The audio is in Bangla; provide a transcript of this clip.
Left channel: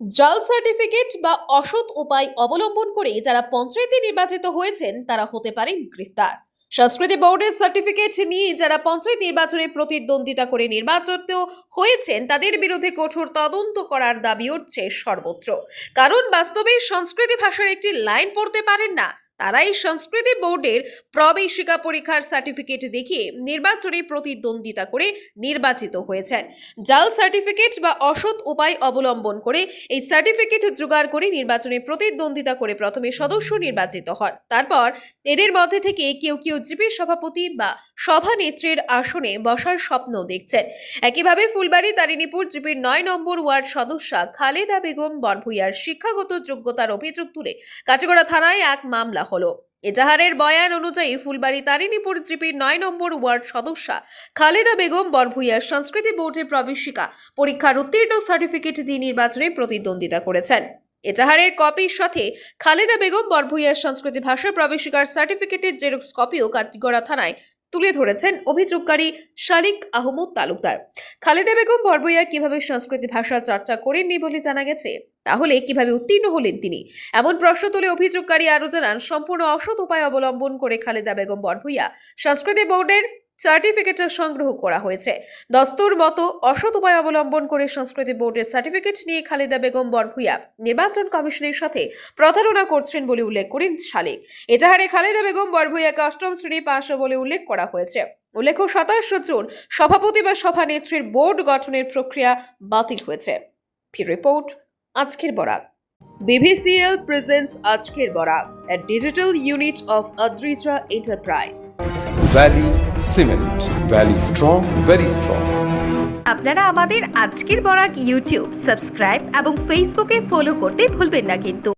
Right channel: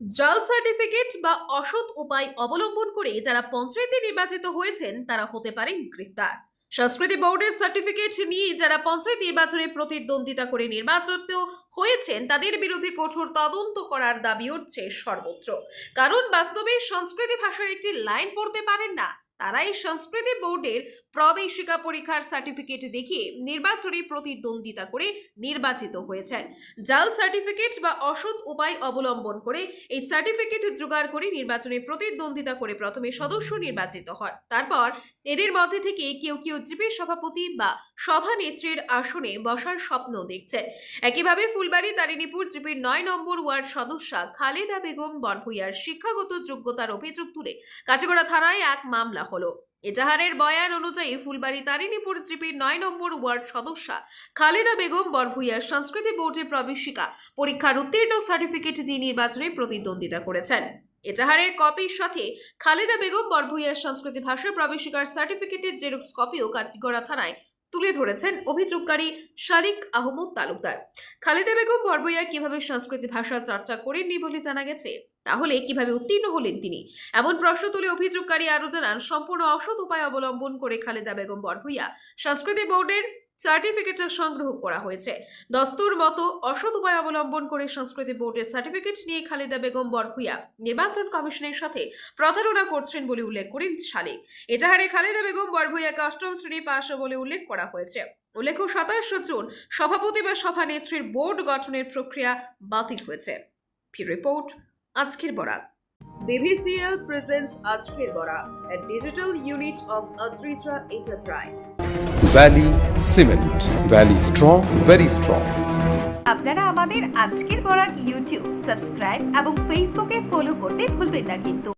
জাল সার্টিফিকেট বা অসৎ উপায় অবলম্বন করে যারা পঞ্চায়েতে নির্বাচিত হয়েছেন তারা হতে পারেন গ্রেফতার। সংস্কৃতি বোর্ডের সার্টিফিকেট নিয়ে যারা পঞ্চায়েত নির্বাচনে প্রতিদ্বন্দ্বিতা করে নির্বাচিত হয়েছেন তাদের বিরুদ্ধে কঠোর তদন্ত করার দাবি উঠছে সর্বোচ্চ। কারণ বাস্তবে সংস্কৃতি ভাষার একটি লাইন পড়তে পারেন না, তারাই সংস্কৃতি বোর্ডের প্রবেশিকা পরীক্ষার সার্টিফিকেট দেখিয়ে নির্বাচনে প্রতিদ্বন্দ্বিতা করে নির্বাচিত হয়েছেন। জাল সার্টিফিকেট বা অসৎ উপায় অবলম্বন করে এই সার্টিফিকেট জোগাড় করে নির্বাচনে প্রতিদ্বন্দ্বিতা করে প্রথমে সদস্য নির্বাচিত হয়। তারপর এদের মধ্যে থেকে কেউ কেউ জিপি সভাপতি বা সভানেত্রীর আসনে বসার স্বপ্ন দেখছেন। একইভাবে ফুলবাড়ী তারিণীপুর জিপির ৯ নম্বর ওয়ার্ড সদস্যা খালেদা বেগম বরভূয়ার শিক্ষাগত যোগ্যতার অভিযোগ তুলে কাটিগড়া থানায় এক মামলা হলো। এজাহারের বয়ান অনুযায়ী ফুলবাড়ী তারিণীপুর জিপির ৯ নম্বর ওয়ার্ড সদস্যা খালেদা বেগম বরভূয়ার সংস্কৃতি বোর্ডের প্রবেশিকা পরীক্ষার উত্তীর্ণ সার্টিফিকেট দিয়ে নির্বাচনে প্রতিদ্বন্দ্বিতা করেছেন। এজাহারের কপির সাথে খালেদা বেগম বরভূয়ার সংস্কৃতি ভাষা প্রবেশিকার সার্টিফিকেটের জেরক্স কপিও কাটিগড়া থানায় তুলে ধরেছেন অভিযোগকারী শালিক আহমদ তালুকদার। খালেদা বেগম বরভূয়া কিভাবে সংস্কৃতি ভাষা চর্চা করেননি বলে জানা গেছে, তাহলে কিভাবে উত্তীর্ণ হলেন তিনি, এমন প্রশ্ন তুলে অভিযোগকারী আরও জানান সম্পূর্ণ অসৎ উপায় অবলম্বন করে খালেদা বেগম বরভূয়া সংস্কৃতি বোর্ডের সার্টিফিকেট সংগ্রহ করা হয়েছে। দস্তুর মতো অসৎ উপায় অবলম্বন করে সংস্কৃতি বোর্ডের সার্টিফিকেট নিয়ে খালেদা বেগম বরভূয়া নির্বাচন কমিশনের সাথে প্রতারণা করছেন বলে উল্লেখ করেন শালিক। এজাহারে খালেদা বেগম বরভূয়াকে অষ্টম শ্রেণী পাশ বলে উল্লেখ করা হয়েছে। উল্লেখ্য 27 জুন সভাপতি বা সভানেত্রীর বোর্ড গঠনের প্রক্রিয়া বাতিল হয়েছে। রিপোর্ট আজকের বরাক। BVCL presents আজকের Barak, a digital unit of Adrija Enterprise. Valley Cement. Valley strong, very strong. আপনারা আমাদের আজকের বরাক ইউটিউব সাবস্ক্রাইব এবং ফেসবুকে ফলো করতে ভুলবেন না কিন্তু।